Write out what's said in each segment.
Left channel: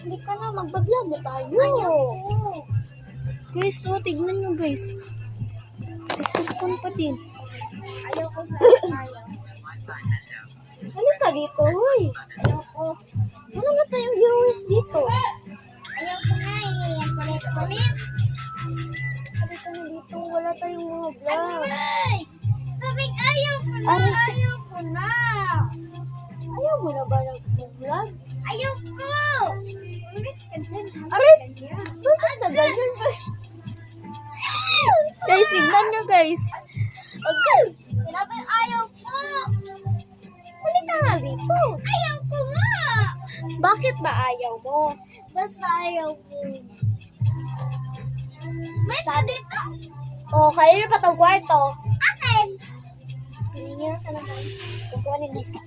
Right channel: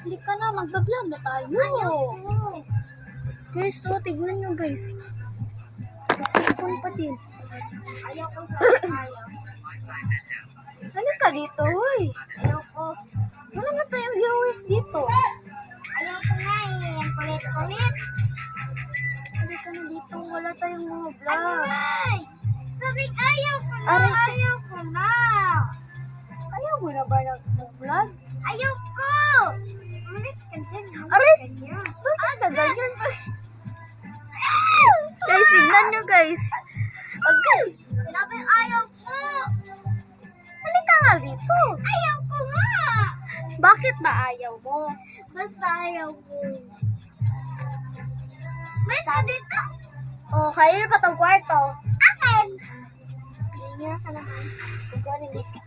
Hindi ka na, magbablog na tayo. Guys, so tignan nyo guys. Sisipon pa din. Ayoko sa ayaw. Halika ka dito, hoy. Ayoko. Wala na tayong viewers dito. Ayoko na eh. Kulit-kulit. Halika na dito, wala tayong mga vlog. Ay! Sabing ayaw ko na. Aray. Ayaw ko na. Ayaw mo na ba nag-vlog? Ayaw ko. Umalis ka dyan. Aray! Bakit ka ganyan ba? Guys, signan nyo guys. Okay. Sinabi ayaw ko. Halika nga dito. Ayaw ko nga. Bakit ba ayaw mo? Basta ayaw ko. Basta dito. Oh, kanina pa tong kwarto. Akin. Pilingira ka naman. Kukunin mo sa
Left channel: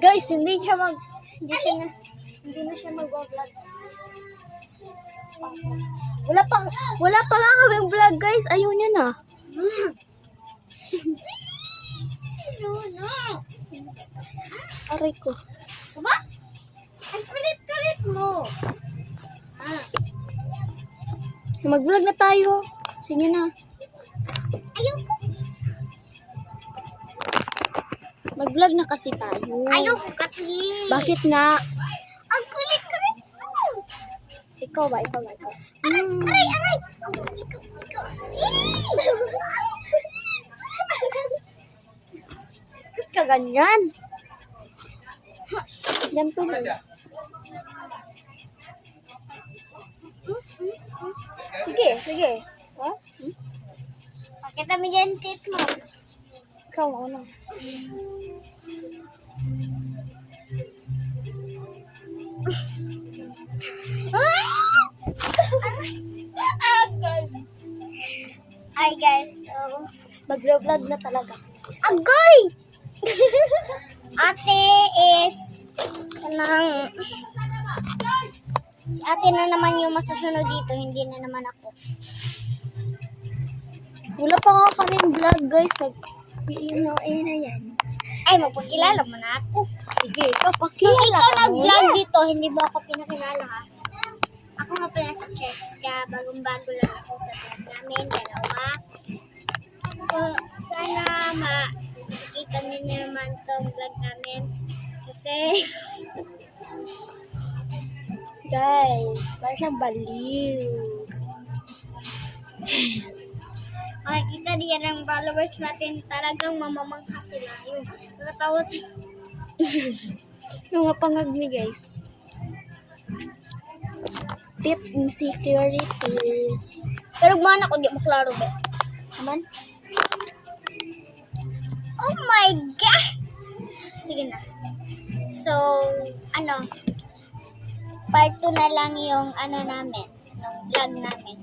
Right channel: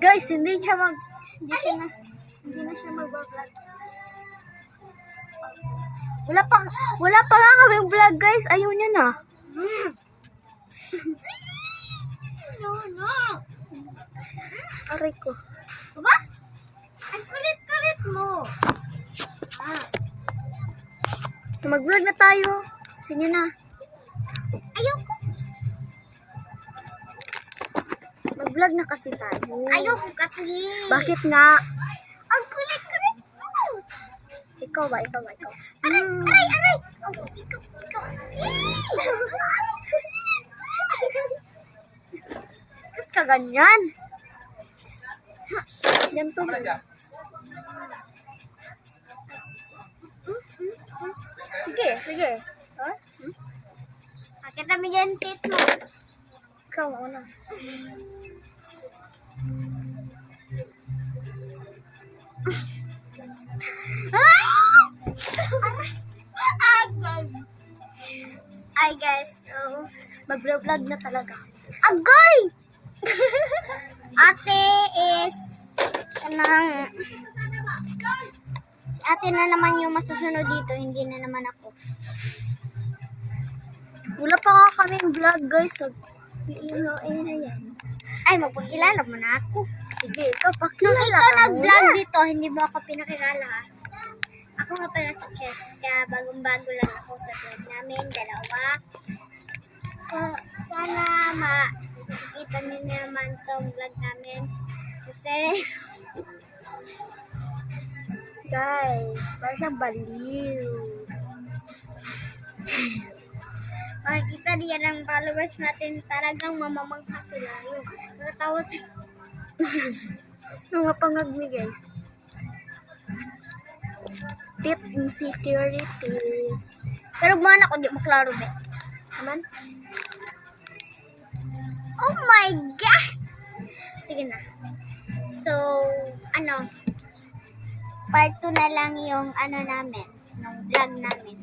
Guys, hindi na siya mag-vlog. Wala pa nga kami vlog, guys. Ayaw niya na. No. Aray ko. Ba? Ang kulit-kulit mo. Mag-vlog na tayo. Sige na. Ayaw ko. Mag-vlog na kasi tayo. Ayaw ko kasi. Bakit nga? Ang kulit-kulit mo. Ikaw ba? Aray. Oh, ikaw. Bakit ka ganyan? Ganito mo. Sige. Ha? Pakita mo dyan, tito. Ikaw una. Ay, guys. So, Mag-vlog na talaga. agoy! Ate is kanang si ate na naman yung masusunod dito, hindi na naman ako. Wala pa nga kaming vlog, guys. Na yan. Ay, magpakilala mo na ako. Sige, ikaw Nung pakilala ikaw ka nag-vlog muna. dito, hindi ba ako pinakilala ha? Ako nga pala si Cheska, bagong-bago lang ako sa vlog namin, dalawa. Kung sana makikita niyo naman tong vlog namin. Kasi, Guys, parang siyang baliw. makikita niya ng followers natin, talagang mamamangha sila. Yung nakatawa sila. Mga pangagmi, guys. Tip insecurities. Pero gumawa ako, di maklaro be. Naman? Oh my God! Sige na. So, part 2 na lang yung namin, ng vlog namin.